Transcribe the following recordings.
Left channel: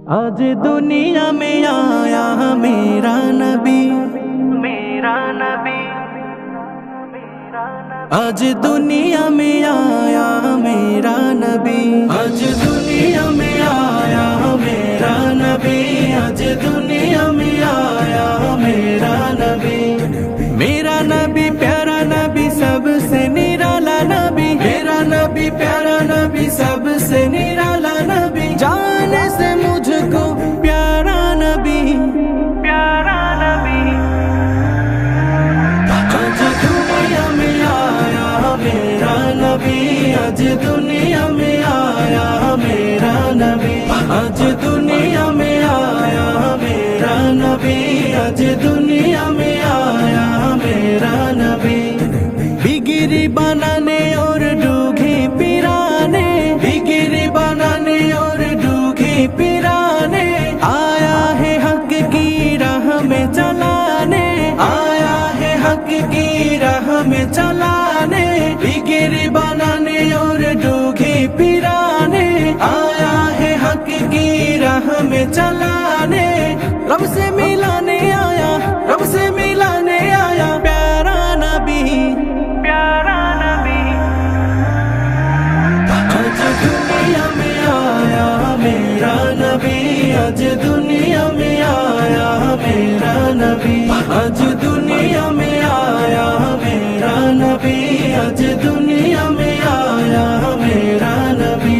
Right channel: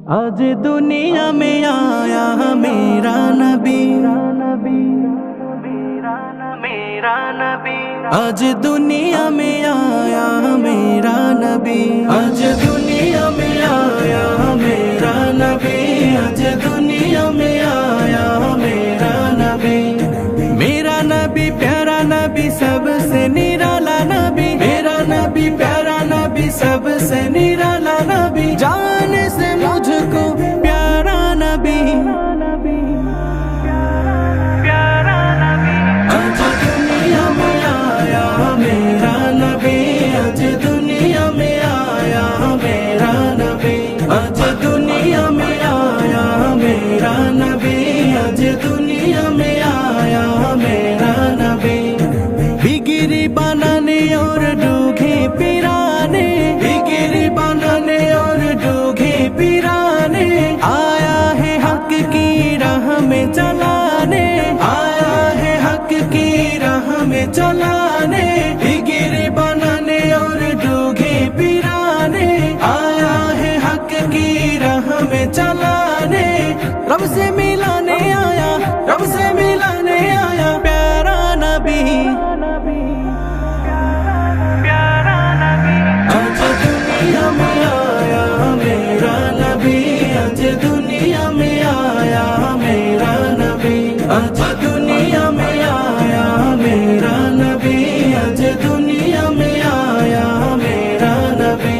आज दुनिया में आया मेरा नबी, मेरा नबी, मेरा नबी। आज दुनिया में आया मेरा नबी, आज दुनिया में आया मेरा नबी, आज दुनिया में आया मेरा नबी। मेरा नबी प्यारा नबी सबसे निराला नबी, मेरा नबी प्यारा नबी सबसे निराला नबी। जाने से मुझको प्यारा नबी, प्यारा नबी, प्यारा नबी। आज दुनिया में आया मेरा नबी, आज दुनिया में आया मेरा नबी, आज दुनिया में आया मेरा नबी, आज दुनिया में आया मेरा नबी। बिगिरी बनाने और डूघे पिराने, बिगिरी बनाने और डूघे पिराने, आया है हक की राह में चलाने, आया है हक की राह में चलाने। बिगिरी बनाने और डूघे पिराने, आया है हक की राह में चलाने। रब से मिलाने आया, रब से मिलाने आया प्यारा नबी, प्यारा नबी, प्यारा नबी। आज दुनिया में आया मेरा नबी, आज दुनिया में आया मेरा नबी, आज दुनिया में आया मेरा नबी, आज दुनिया में आया मेरा नबी।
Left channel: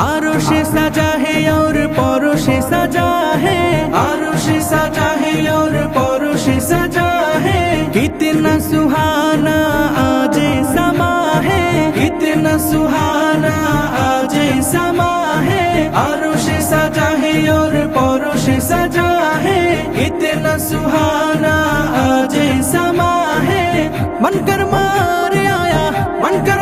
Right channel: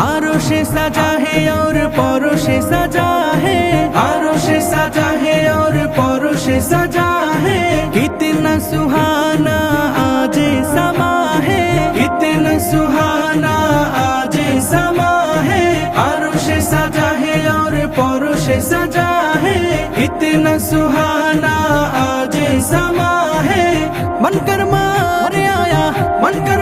आरोश सजा है और परोश सजा है, आरोश सजा है और परोश सजा है। कितना सुहाना आज समा है, कितना सुहाना आज समा है। आरोश सजा है और परोश सजा है, कितना सुहाना आज समा है। बनकर मारे आया, बनकर